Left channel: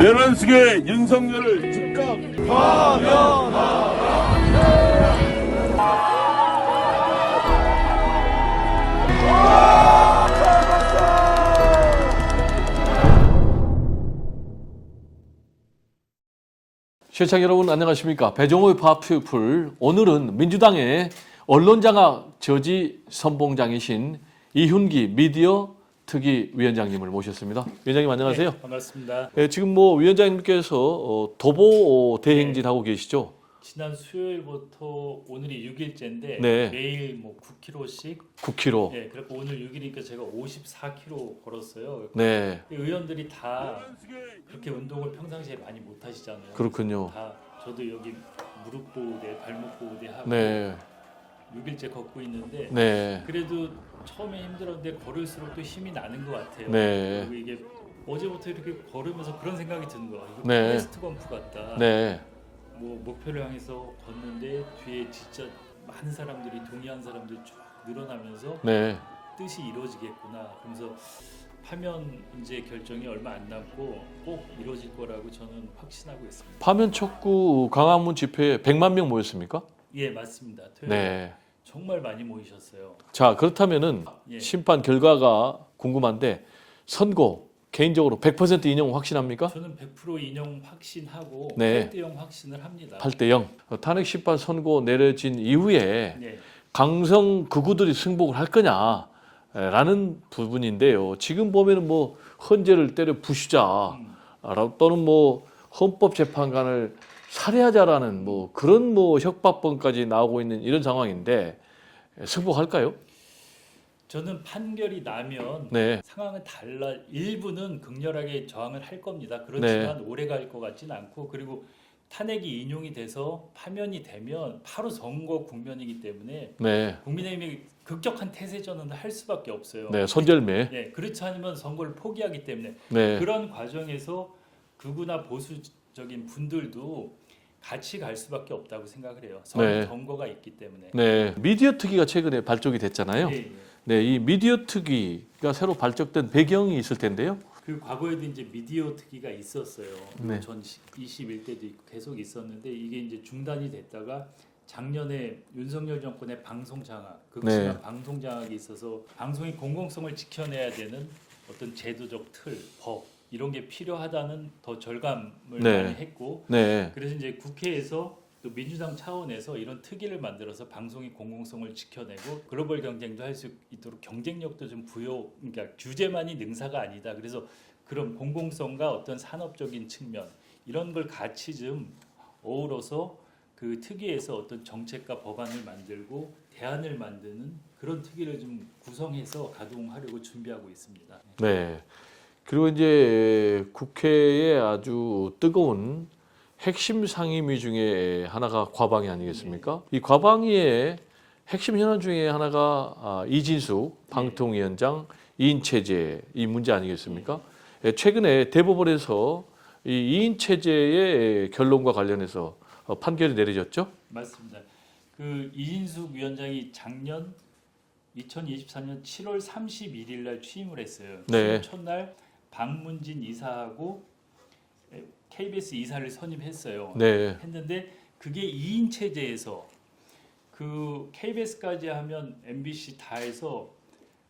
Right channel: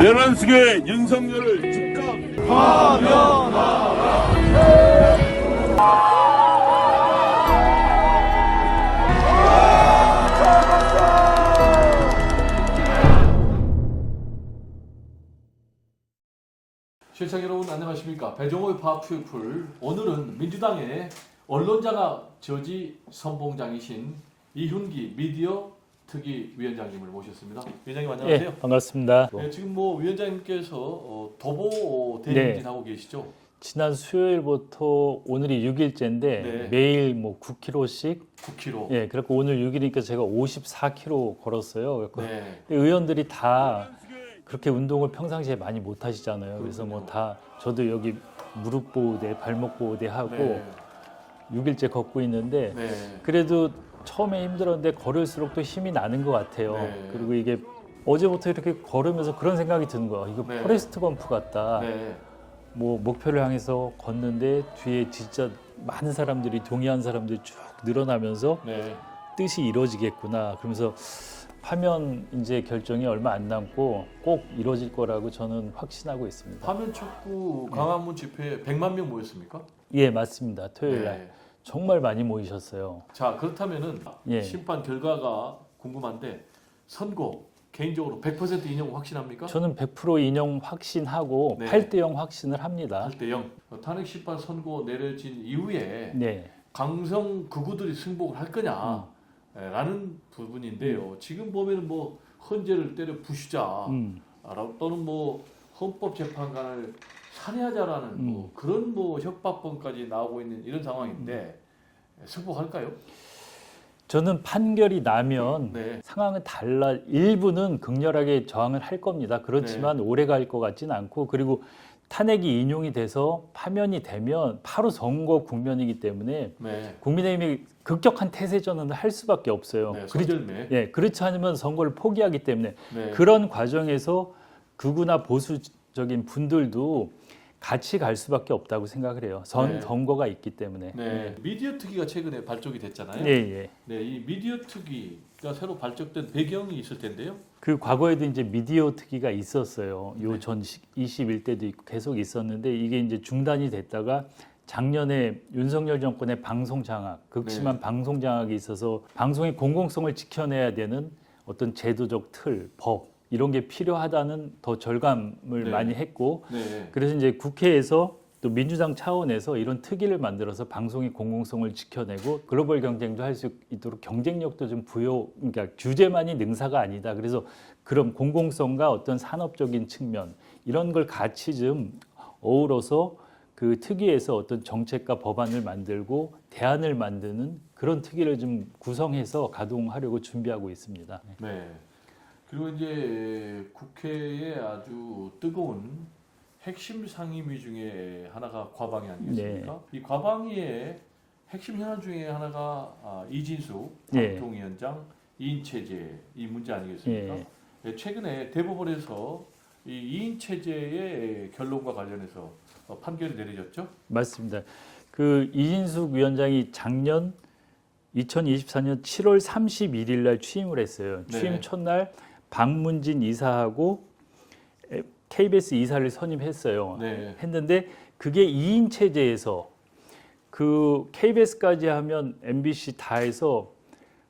내란숙의 윤석열을 즉각 시청자 여러분 안녕하십니까. 배종호의 파피플, 오늘은 민주당의 언론장악 저지 선봉장이신 이훈기 미디어 특위위원장님을 모셨습니다. 위원장님 안녕하세요. 네, 반갑습니다. 지금 위원장님께서 도보 대행진하고 계시죠? 지난 수요일부터 오늘이 6일째인데 네. 매일 9km씩 9km. 예, 그래서 오늘 6일이니까 제가 54km 걸었어요. 네. 의원들이 다 그렇게 운동을 평상시에 많이 못 하시잖아요. 그렇군요. 그래서 다 저도 여기 무릎 보호대, 발목 보호대 하고 네. 6일째 걷고 있는데 네. 그래도 처음에 힘들었는데 걸을수록 또 힘이 나는 것 같아요. 네. 그리고 이게 어제부터 이렇게 걸으면서 그런 생각이 드는 거야. 이거 네. 포레스트 검프 같다. 네. 목표를 향해서 걷는데 뒤에 진짜 많은 사람들이 동의한 사람들이 쭉 늘어나면서 네. 뜻이 이루어지겠구나. 그러면서 파면 이제 결정이 얼마 안 남고 꼭 이루어질 거라고 저는 확신하고 있습니다. 파면 촉구 광화문 집회에 100만 명 모였습니까? 예, 맞습니다. 토요일 날 네. 정말 많이 모이셨어요. 자, 그렇다면은 예. 심판 결과가 궁금한데 선고 개인적으로 100% 인용 확신합니까? 저는 100% 인용 확신하고 네. 8대0 확신을 합니다. 8대 0. 탄핵 심판 선고 내려진 이후에 네. 강성 극우들이 승복을 할 거냐라는 부분인데요. 지금 보면은 헌재를 때려 부수자 또는 헌법재판관을 살해하자라는 그런 협박범까지 나오고 있는 이런 상황인데 승복할까요? 저는 판결이 나면 네. 상황은 달라. 일부는 극렬하게 저항을 할 겁니다. 그렇지만 네. 오래 갈 것 같지는 않고, 그리고 탄핵이 인용이 돼서 파면이 되면 바로 선거 국면이기 때문에 네. 국민의힘이 극적한 태세전환을 할 수밖에 없어요. 네. 선절매. 그렇지 않으면 선거를 포기하기 때문에 네. 그런 과정에서 극우나 보수적인 분들도 같이 갈 수밖에 없다고 생각을 해요. 네. 선거가 있기 때문에. 네. 미디어 특위가 최근에 발족이 됐잖아요. 예, 예. 네, 이 미디어 특위가 새로 발족된 배경이 있을 텐데요. 그 과거에도 이제 미디어 특위가 있었어요. 네. 요 전 21대도 있고 계속 있었는데 이게 이제 중단이 됐다가 작년에 윤석열 정권의 방송 장악, 극심한 네. 방송 장악이 있어서 방송의 공공성을 지켜내야 되는 어떤 제도적 틀, 법 이런 게 필요하다는 더 절감을 네. 많이 했고 네. 그래서 이제 국회에서 또 민주당 차원에서 이런 특위를 만들어서 방송의 공공성을 지켜내고 글로벌 경쟁도 할 수 있도록 경쟁력도 좀 그러니까 규제만이 능사가 아니다. 그래서 그런 공공성과 어떤 산업적인 측면 이런 걸 같이 좀 어우러서 그 특위에서 어떤 정책과 법안을 만들고 대안을 만드는 그런 특위를 좀 구성해서 가동하려고 준비하고 있습니다. 네. 그리고 이제 국회에 아주 뜨거운 핵심 상임위 중에 하나가 과방위 아니겠습니까? 이 과방위의 핵심 현안 중에 하나가 이진숙 방통위원장 이인 체제 이 문제 아니겠습니까? 최근에 대법원에서 이 이인 체제의 결론과 관련해서 판결이 내려졌죠? 맞습니다. 그 이진숙 위원장이 작년 2024년 7월 31일 날 취임을 했어요. 취임 네. 첫날 박문진 이사하고 KBS 이사를 선임했어요. 네. 했는데 그게 2인 체제에서 그 KBS까지 하면 MBC 다 해서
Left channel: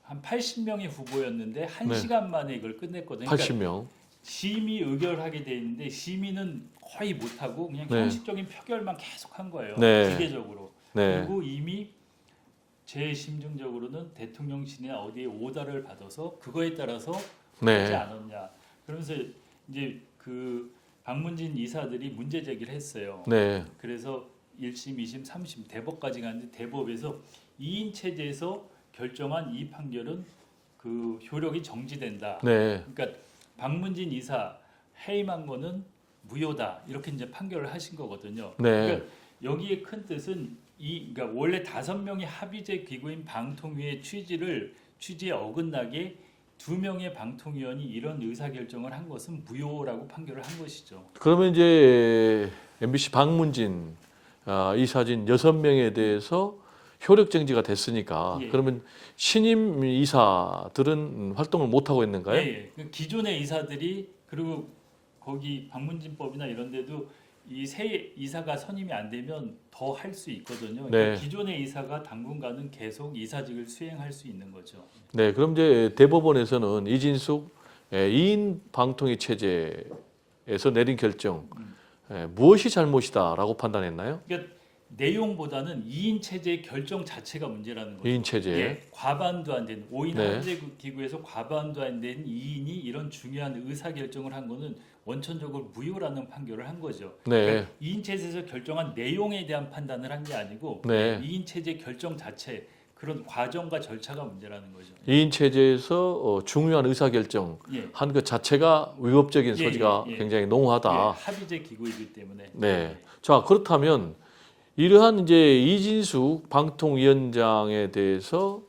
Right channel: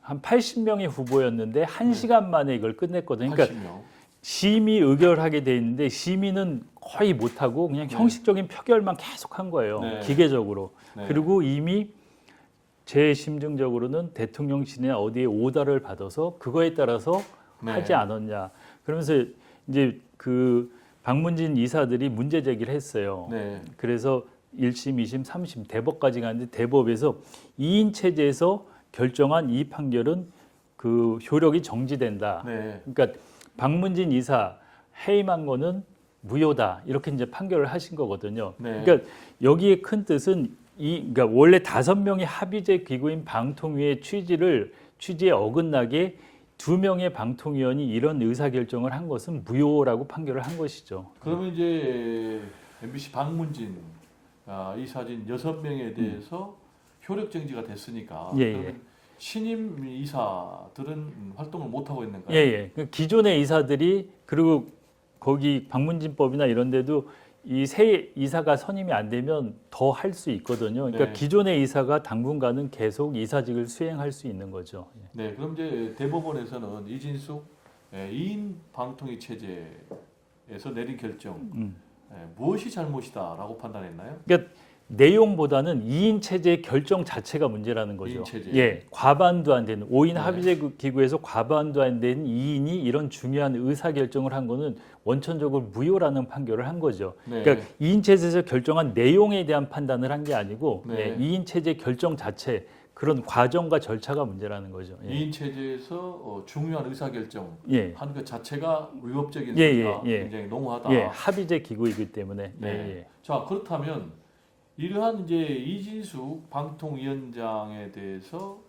한 80명의 후보였는데 1시간 만에 이걸 끝냈거든요. 80명. 심의 의결하게 돼 있는데 심의는 거의 못하고 그냥 네. 형식적인 표결만 계속 한 거예요. 네. 기계적으로. 네. 그리고 이미 제 심증적으로는 대통령실이나 어디에 오더를 받아서 그거에 따라서 네. 하지 않았냐. 그러면서 이제 그 박문진 이사들이 문제 제기를 했어요. 네. 그래서 1심, 2심, 3심 대법까지 갔는데 대법에서 2인 체제에서 결정한 이 판결은 그 효력이 정지된다. 네. 그러니까 박문진 이사 해임한 거는 무효다. 이렇게 이제 판결을 하신 거거든요. 네. 그러니까 여기에 큰 뜻은 그러니까 원래 5명의 합의제 기구인 방통위의 취지에 어긋나게 2명의 방통위원이 이런 의사결정을 한 것은 무효라고 판결을 한 것이죠. 그러면 이제 MBC 박문진 이사진 6명에 대해서 효력 정지가 됐으니까 그러면 신임 이사들은 활동을 못 하고 있는가요? 예. 기존의 이사들이 그리고 거기 방문진법이나 이런 데도 이 새 이사가 선임이 안 되면 더 할 수 있거든요. 그러니까 네. 기존의 이사가 당분간은 계속 이사직을 수행할 수 있는 거죠. 네, 그럼 이제 대법원에서는 이진숙 2인 방통위 체제에서 내린 결정 무엇이 잘못이다라고 판단했나요? 그러니까 내용보다는 2인 체제의 결정 자체가 문제라는 거죠. 2인 체제. 예, 과반도 안 되는 5인 네. 합의제 기구에서 과반도 안 되는 2인이 이런 중요한 의사 결정을 한 거는 원천적으로 무효라는 판결을 한 거죠. 네. 그러니까 2인 체제에서 결정한 내용에 대한 판단을 한 게 아니고 네. 2인 체제 결정 자체 그런 과정과 절차가 문제라는 거죠. 예. 2인 체제에서 중요한 의사결정 예. 한 것 자체가 위법적인 예, 소지가 예. 굉장히 농후하다. 예, 합의제 기구이기 때문에. 네. 예. 자, 그렇다면 이러한 이제 이진숙 방통위원장에 대해서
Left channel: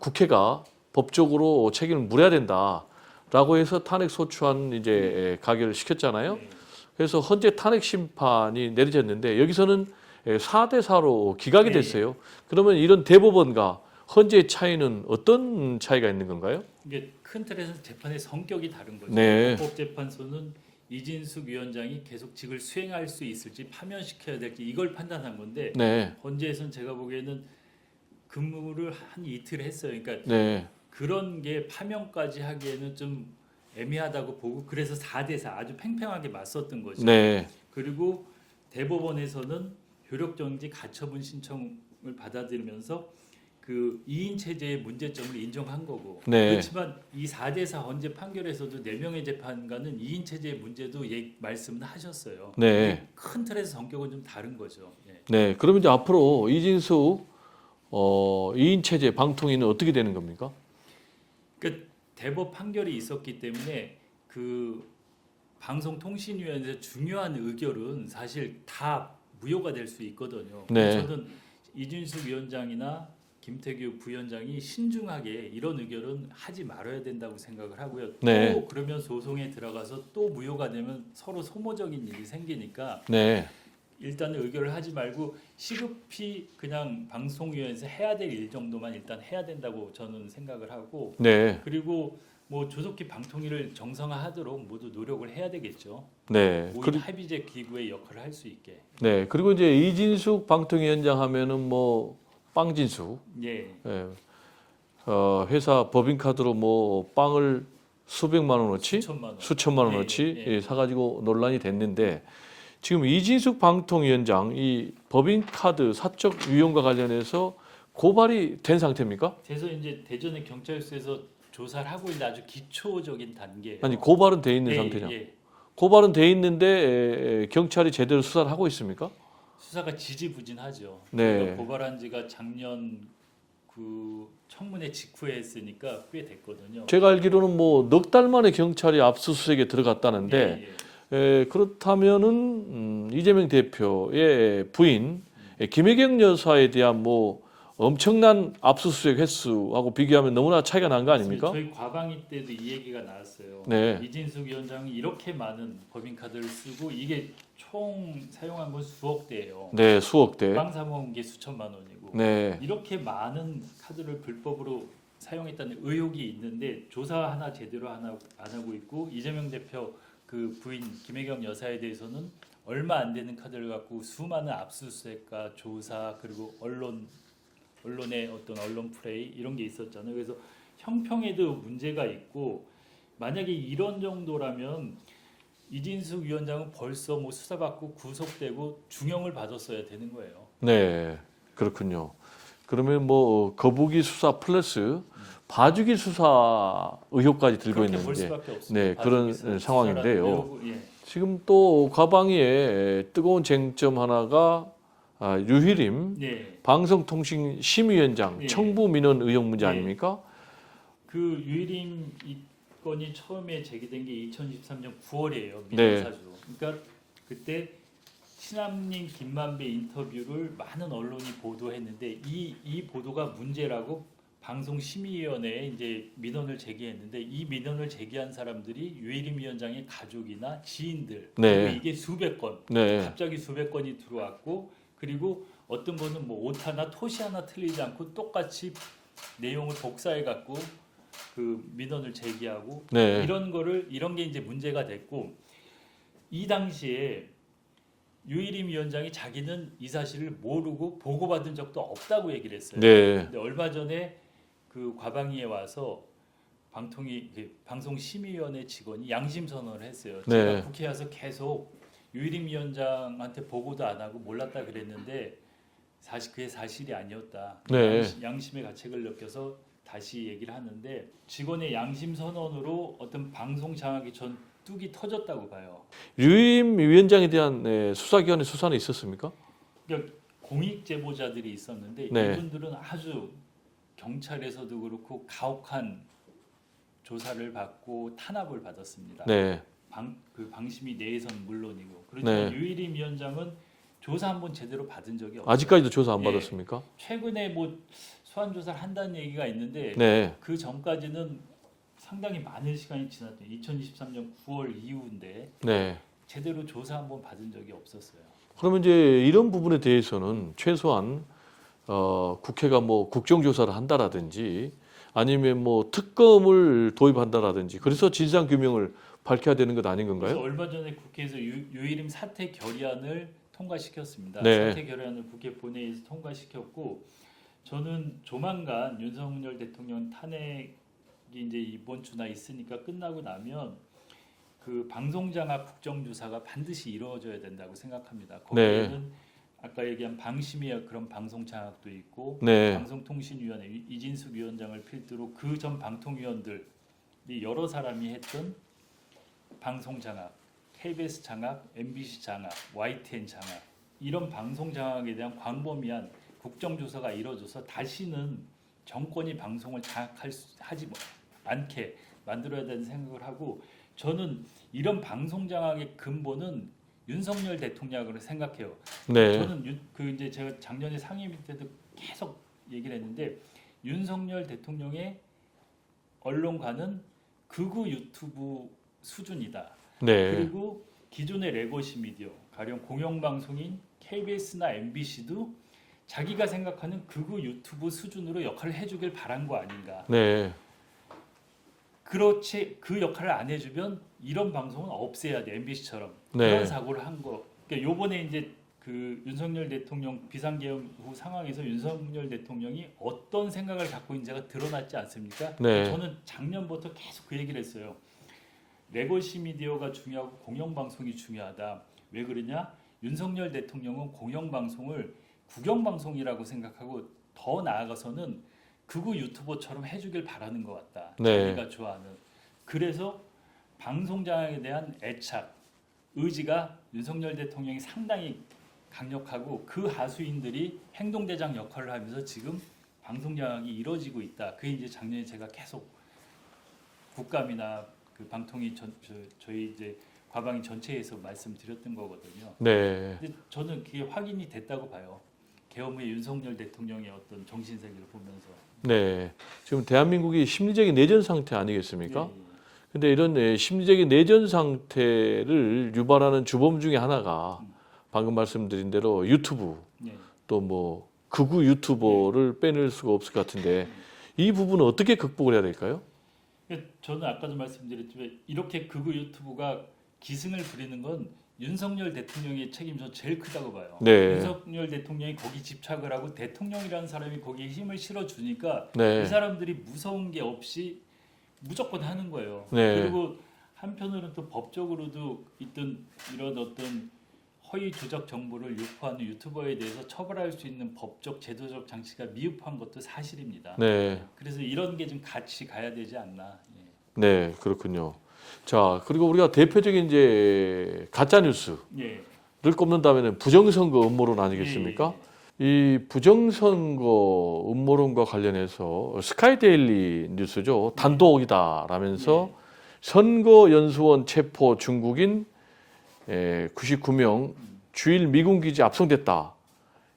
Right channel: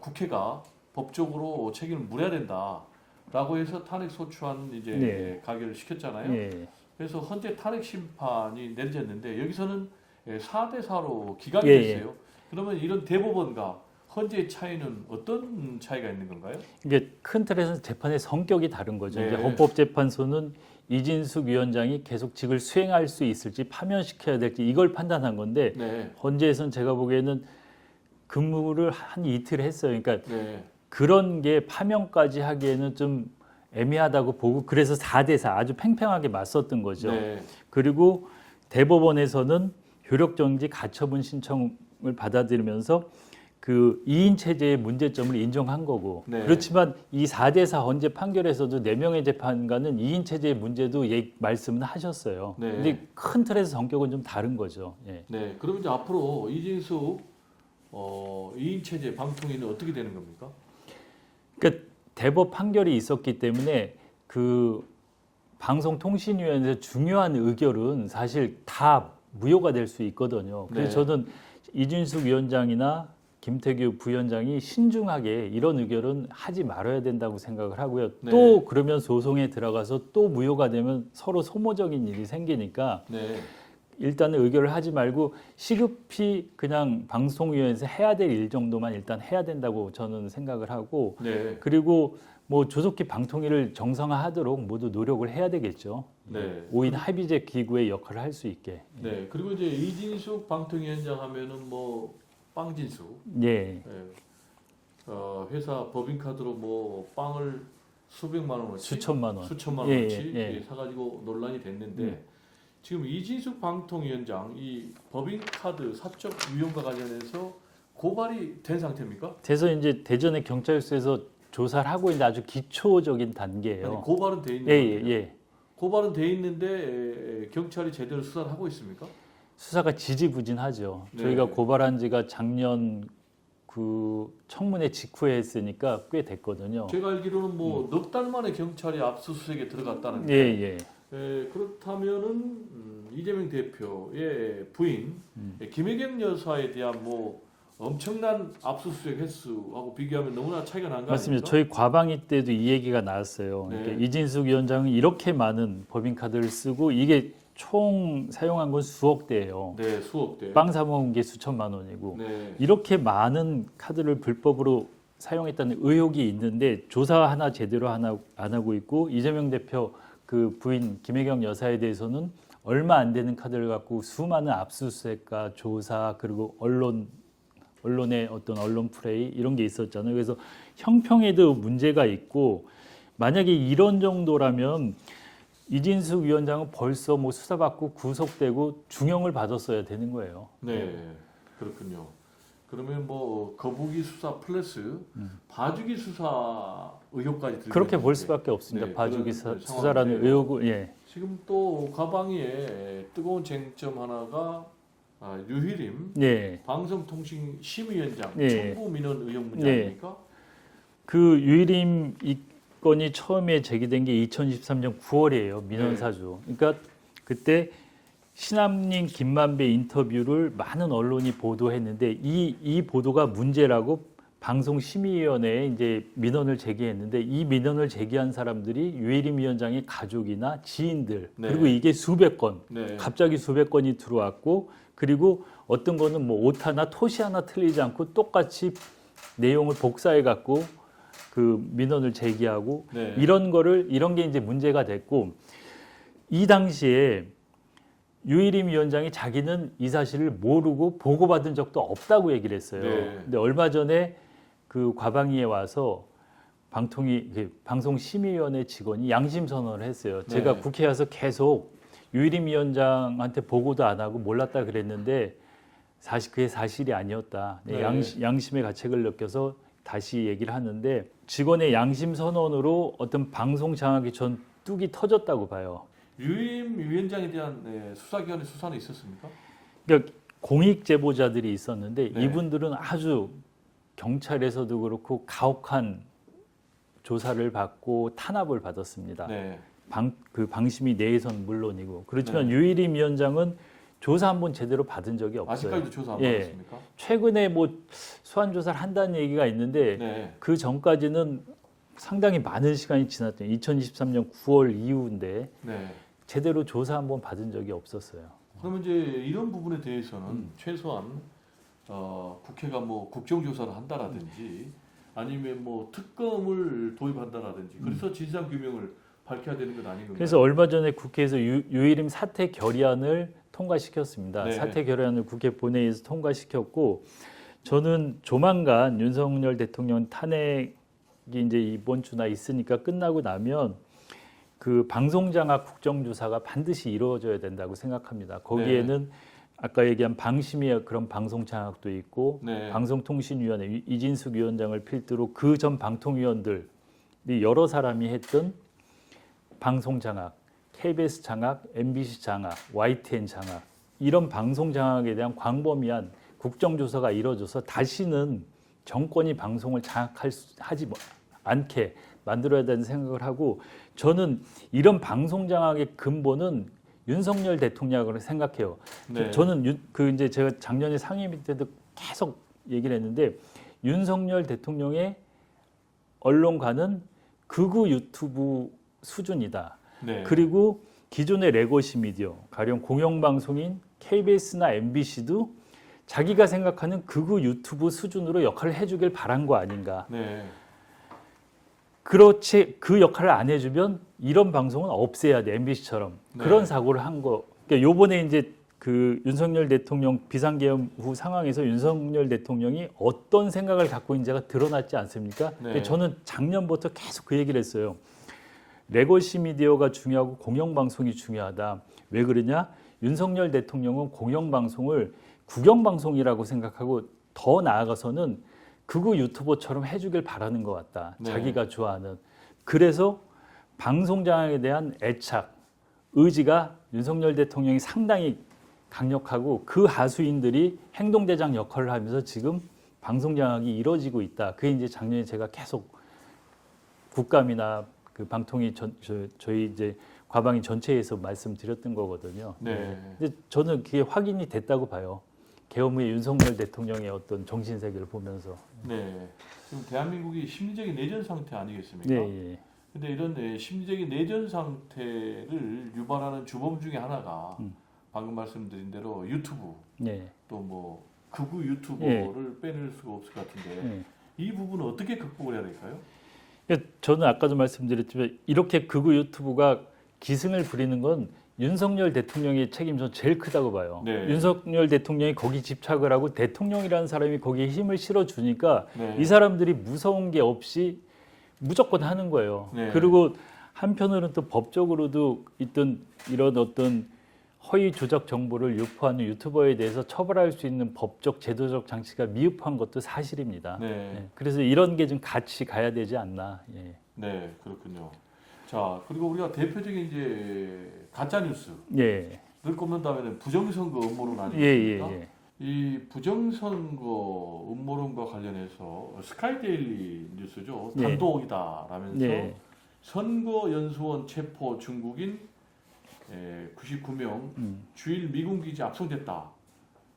국회가 법적으로 책임을 물어야 된다라고 해서 탄핵 소추안 이제 가결을 시켰잖아요. 예. 그래서 헌재 탄핵 심판이 내려졌는데 여기서는 4대 4로 기각이 예, 됐어요. 그러면 이런 대법원과 헌재의 차이는 어떤 차이가 있는 건가요? 이게 큰 틀에서 재판의 성격이 다른 거죠. 네. 그러니까 헌법재판소는 이진숙 위원장이 계속 직을 수행할 수 있을지 파면시켜야 될지 이걸 판단한 건데 네. 헌재에서는 제가 보기에는 근무를 한 이틀 했어요. 그러니까 네. 그런 게 파면까지 하기에는 좀 애매하다고 보고 그래서 4대 4 아주 팽팽하게 맞섰던 거죠. 네. 그리고 대법원에서는 효력정지 가처분 신청을 받아들이면서 그 2인 체제의 문제점을 인정한 거고 네. 그렇지만 이 4대 4 헌재 판결에서도 4명의 재판관은 2인 체제의 문제도 말씀은 하셨어요. 네. 이게 큰 틀에서 성격은 좀 다른 거죠. 예. 네. 그러면 이제 앞으로 이진숙 2인 체제 방통위는 어떻게 되는 겁니까? 그러니까 대법 판결이 있었기 때문에 그 방송통신위원회에서 중요한 의결은 사실 다 무효가 될 수 있거든요. 그래서 네. 저는 이준숙 위원장이나 김태규 부위원장이 신중하게 이런 의결은 하지 말아야 된다고 생각을 하고요. 네. 또 그러면 소송에 들어가서 또 무효가 되면 서로 소모적인 일이 생기니까 네. 일단은 의결을 하지 말고 시급히 그냥 방송위원회에서 해야 될 일 정도만 일단 해야 된다고 저는 생각을 하고 네. 그리고 뭐 조속히 방통위를 정상화하도록 모두 노력을 해야 되겠죠. 네. 5인 합의제 기구의 역할을 할 수 있게. 네. 그리고 이제 이진숙 방통위원장 하면은 뭐 빵진숙. 예. 예. 회사 법인카드로 뭐 빵을 수백만 원어치, 수천만 원. 원어치 예, 사가지고 논란이 됐는데 지금 이진숙 방통위원장 이 법인카드 사적 유용과 관련해서 고발이 된 상태입니까? 그래서 이제 대전의 경찰서에서 조사를 하고 있는 아주 기초적인 단계예요. 아니 고발은 돼 있는 상태냐? 예. 고발은 돼 있는데 경찰이 제대로 수사를 하고 있습니까? 수사가 지지부진하죠. 네. 저희가 고발한 지가 작년 그 청문회 직후에 했으니까 꽤 됐거든요. 제가 알기로는 뭐 넉 달 만에 경찰이 압수수색에 들어갔다는데 그렇다면은 이재명 대표의 부인 김혜경 여사에 대한 뭐 엄청난 압수수색 횟수하고 비교하면 너무나 차이가 난 거 맞습니다. 아닙니까? 저희 과방위 때도 이 얘기가 나왔어요. 네. 이진숙 위원장이 이렇게 많은 법인카드를 쓰고 이게 총 사용한 건 수억 대예요. 네, 수억 대. 빵 사 먹은 게 수천만 원이고 네, 이렇게 많은 카드를 불법으로 사용했다는 의혹이 있는데 조사 하나 제대로 안 하고 있고 이재명 대표 그 부인 김혜경 여사에 대해서는 얼마 안 되는 카드를 갖고 수많은 압수수색과 조사 그리고 언론의 어떤 언론 플레이 이런 게 있었잖아요. 그래서 형평에도 문제가 있고 만약에 이런 정도라면 이진숙 위원장은 벌써 뭐 수사받고 구속되고 중형을 받았어야 되는 거예요. 네, 그렇군요. 그러면 뭐 거북이 수사 플러스 봐주기 수사 의혹까지 들고 그렇게 있는데 볼 수밖에 없습니다. 네, 봐주기 그런 수사라도 상황인데요. 외우고, 예. 지금 또 과방위에 뜨거운 쟁점 하나가 유희림 예. 방송통신심의위원장 예. 청부 민원 의혹 문제 예. 아닙니까? 그 유일임 이 건이 처음에 제기된 게 2013년 9월이에요. 민원 네. 사주. 그러니까 그때 신남님 김만배 인터뷰를 많은 언론이 보도했는데 이 보도가 문제라고 방송심의위원회에 이제 민원을 제기했는데 이 민원을 제기한 사람들이 유일임 위원장의 가족이나 지인들 네. 그리고 이게 수백 건 네. 갑자기 수백 건이 들어왔고 그리고 어떤 거는 뭐 오타 하나 토시 하나 틀리지 않고 똑같이 내용을 복사해 갖고 그 민원을 제기하고 네. 이런 게 이제 문제가 됐고 이 당시에 유일임 위원장이 자기는 이 사실을 모르고 보고받은 적도 없다고 얘기를 했어요. 네. 근데 얼마 전에 그 과방위에 와서 방송심의위원회 직원이 양심 선언을 했어요. 네. 제가 국회에 와서 계속 유일임 위원장한테 보고도 안 하고 몰랐다 그랬는데 사실 그게 사실이 아니었다. 네. 양심의 가책을 느껴서 다시 얘기를 하는데 직원의 양심 선언으로 어떤 방송 장악이 전 뚝이 터졌다고 봐요. 유임 위원장에 대한 수사기관의 수사는 있었습니까? 그러니까 공익 제보자들이 있었는데 네. 이분들은 아주 경찰에서도 그렇고 가혹한 조사를 받고 탄압을 받았습니다. 네. 방심위 내에서는 물론이고 그렇지만 네. 유일임 위원장은 조사 한번 제대로 받은 적이 없어요. 아직까지도 조사 안 예. 받았습니까? 최근에 뭐 소환 조사를 한다는 얘기가 있는데 네. 그 전까지는 상당히 많은 시간이 지났대요. 2023년 9월 이후인데 네. 제대로 조사 한번 받은 적이 없었어요. 그러면 이제 이런 부분에 대해서는 최소한 국회가 뭐 국정조사를 한다라든지 아니면 뭐 특검을 도입한다라든지 그래서 진상 규명을 밝혀야 되는 것 아닌 건가요? 그래서 얼마 전에 국회에서 유일임 사퇴 결의안을 통과시켰습니다. 네. 사퇴 결의안을 국회 본회의에서 통과시켰고 저는 조만간 윤석열 대통령 탄핵이 이제 이번 주나 있으니까 끝나고 나면 그 방송장악 국정조사가 반드시 이루어져야 된다고 생각합니다. 거기에는 아까 얘기한 방심위의 그런 방송장악도 있고 네. 방송통신위원회 이진숙 위원장을 필두로 그 전 방통위원들이 여러 사람이 했던 방송장악, KBS 장악, MBC 장악, YTN 장악 이런 방송 장악에 대한 광범위한 국정조사가 이루어져서 다시는 정권이 방송을 장악하지 않게 만들어야 된다는 생각을 하고 저는 이런 방송 장악의 근본은 윤석열 대통령을 생각해요. 네. 저는 이제 제가 작년에 상임위 때도 계속 얘기를 했는데 윤석열 대통령의 언론가는 극우 유튜브 수준이다. 네. 그리고 기존의 레거시 미디어, 가령 공영방송인 KBS나 MBC도 자기가 생각하는 극우 유튜브 수준으로 역할을 해주길 바란 거 아닌가. 네. 그렇지 그 역할을 안 해주면 이런 방송은 없애야 돼 MBC처럼 네. 그런 사고를 한 거. 그러니까 요번에 이제 그 윤석열 대통령 비상계엄 후 상황에서 윤석열 대통령이 어떤 생각을 갖고 있는지가 드러났지 않습니까? 네. 그러니까 저는 작년부터 계속 그 얘기를 했어요. 레거시 미디어가 중요하고 공영방송이 중요하다. 왜 그러냐? 윤석열 대통령은 공영방송을 국영방송이라고 생각하고 더 나아가서는 극우 유튜버처럼 해주길 바라는 것 같다. 네. 자기가 좋아하는. 그래서 방송장악에 대한 애착, 의지가 윤석열 대통령이 상당히 강력하고 그 하수인들이 행동대장 역할을 하면서 지금 방송장악이 이루어지고 있다. 그게 이제 작년에 제가 계속 국감이나 그 방통위 저희 이제 과방위 전체에서 말씀드렸던 거거든요. 네. 근데 저는 그게 확인이 됐다고 봐요. 계엄 후에 윤석열 대통령의 어떤 정신 세계를 보면서. 네. 지금 대한민국이 심리적인 내전 상태 아니겠습니까? 예. 근데 이런 심리적인 내전 상태를 유발하는 주범 중에 하나가 방금 말씀드린 대로 유튜브 예. 또 뭐 극우 유튜버를 빼낼 수가 없을 것 같은데 예. 이 부분은 어떻게 극복을 해야 될까요? 그러니까 저는 아까도 말씀드렸지만 이렇게 극우 유튜브가 기승을 부리는 건 윤석열 대통령의 책임이 제일 크다고 봐요. 네. 윤석열 대통령이 거기 집착을 하고 대통령이라는 사람이 거기에 힘을 실어주니까 네. 이 사람들이 무서운 게 없이 무조건 하는 거예요. 네. 그리고 한편으로는 또 법적으로도 있던 이런 어떤 허위 조작 정보를 유포하는 유튜버에 대해서 처벌할 수 있는 법적 제도적 장치가 미흡한 것도 사실입니다. 네. 그래서 이런 게 좀 같이 가야 되지 않나. 예. 네, 그렇군요. 자, 그리고 우리가 대표적인 이제 가짜 뉴스를 예. 꼽는다면은 부정선거 음모론 아니겠습니까? 예. 이 부정선거 음모론과 관련해서 스카이데일리 뉴스죠. 네. 단독이다라면서 예. 선거연수원 체포 중국인 99명 주일 미군 기지 압송됐다.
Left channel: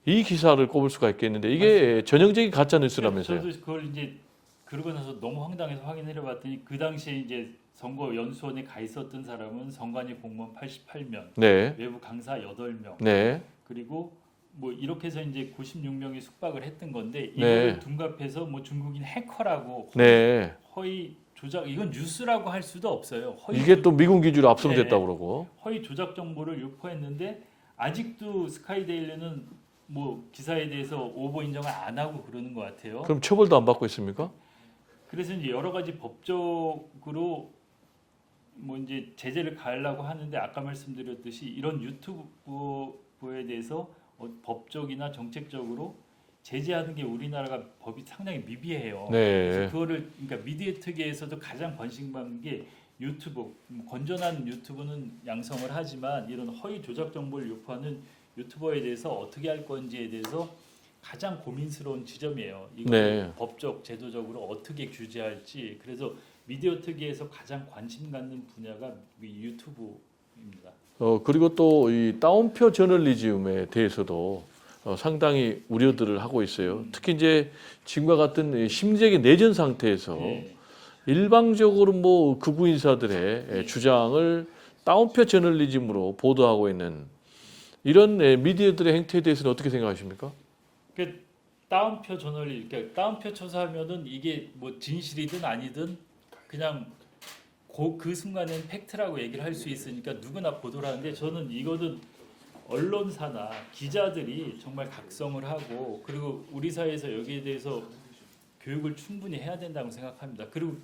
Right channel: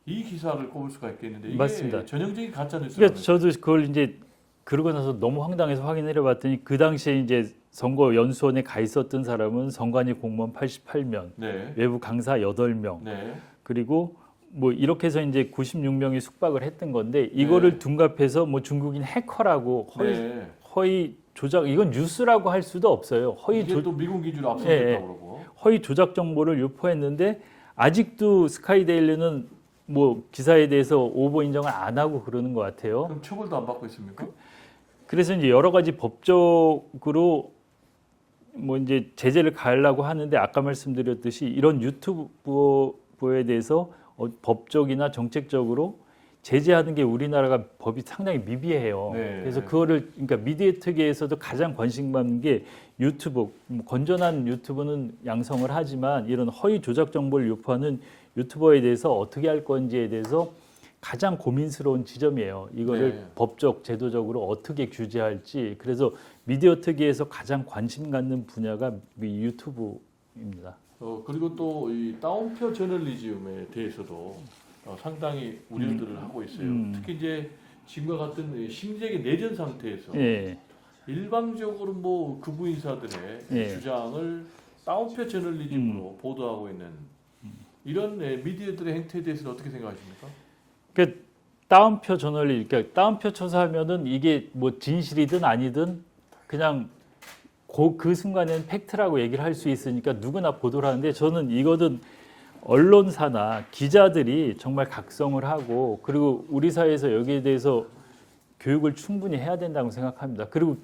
이 기사를 꼽을 수가 있겠는데 이게 맞습니다. 전형적인 가짜 그러니까 뉴스라면서요. 저도 그걸 이제 그러고 나서 너무 황당해서 확인해 봤더니 그 당시에 이제 선거 연수원에 가 있었던 사람은 선관위 공무원 88명, 네. 외부 강사 8명, 네. 그리고 뭐 이렇게 해서 이제 96명이 숙박을 했던 건데 이거를 네. 둔갑해서 뭐 중국인 해커라고 네. 허위 조작 이건 뉴스라고 할 수도 없어요. 이게 또 미군 기준으로 압송됐다고 네. 그러고. 허위 조작 정보를 유포했는데 아직도 스카이데일리는 뭐 기사에 대해서 오보 인정을 안 하고 그러는 것 같아요. 그럼 처벌도 안 받고 있습니까? 그래서 이제 여러 가지 법적으로 뭐 이제 제재를 가하려고 하는데 아까 말씀드렸듯이 이런 유튜버에 대해서 법적이나 정책적으로 제재하는 게 우리나라가 법이 상당히 미비해요. 네. 그래서 그거를 그러니까 미디어 특위에서도 가장 관심 받는 게 유튜브 뭐 건전한 유튜브는 양성을 하지만 이런 허위 조작 정보를 유포하는 유튜버에 대해서 어떻게 할 건지에 대해서 가장 고민스러운 지점이에요. 이거를 네. 법적, 제도적으로 어떻게 규제할지. 그래서 미디어 특위에서 가장 관심 갖는 분야가 유튜브입니다. 그리고 또 이 따옴표 저널리즘에 대해서도 상당히 우려들을 하고 있어요. 특히 이제 지금과 같은 심지어 내전 상태에서 예. 일방적으로 뭐 극우 인사들의 네. 주장을 따옴표 저널리즘으로 보도하고 있는 이런 미디어들의 행태에 대해서는 어떻게 생각하십니까? 그러니까 따옴표 그러니까 따옴표 쳐서하면은 이게 뭐 진실이든 아니든 그냥 그 순간에는 팩트라고 얘기를 할 수 있으니까 누구나 보도를 하는데 저는 이거는 언론사나 기자들이 정말 각성을 하고 그리고 우리 사회에서 여기에 대해서 교육을 충분히 해야 된다고 생각합니다. 그리고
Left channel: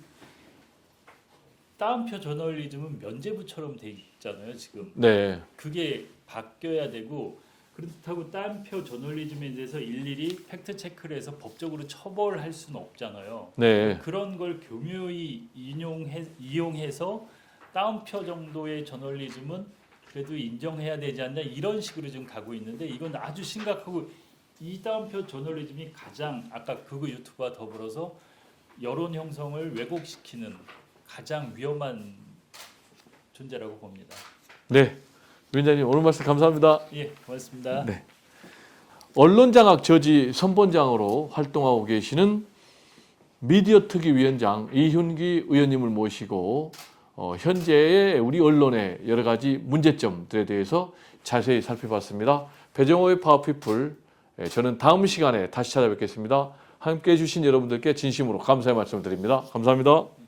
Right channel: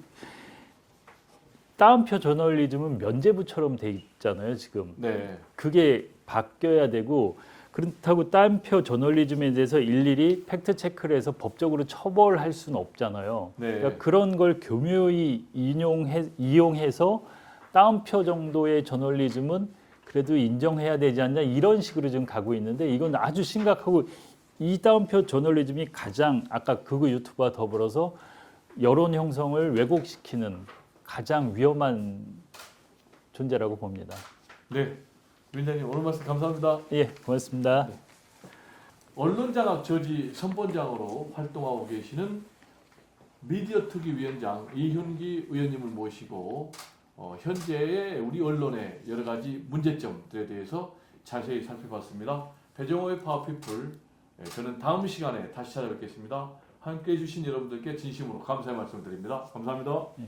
따옴표 저널리즘은 면죄부처럼 돼 있잖아요, 지금. 네. 그게 바뀌어야 되고 그렇다고 따옴표 저널리즘에 대해서 일일이 팩트 체크를 해서 법적으로 처벌할 수는 없잖아요. 네. 그러니까 그런 걸 교묘히 이용해서 따옴표 정도의 저널리즘은 그래도 인정해야 되지 않냐 이런 식으로 지금 가고 있는데 이건 아주 심각하고 이 따옴표 저널리즘이 가장 아까 극우 유튜브와 더불어서 여론 형성을 왜곡시키는 가장 위험한 존재라고 봅니다. 네. 위원장님 오늘 말씀 감사합니다. 예, 고맙습니다. 네. 언론장악 저지 선본장으로 활동하고 계시는 미디어 특위 위원장 이훈기 의원님을 모시고 현재의 우리 언론의 여러 가지 문제점들에 대해서 자세히 살펴봤습니다. 배정호의 파워피플 저는 다음 시간에 다시 찾아뵙겠습니다. 함께해 주신 여러분들께 진심으로 감사의 말씀을 드립니다. 감사합니다.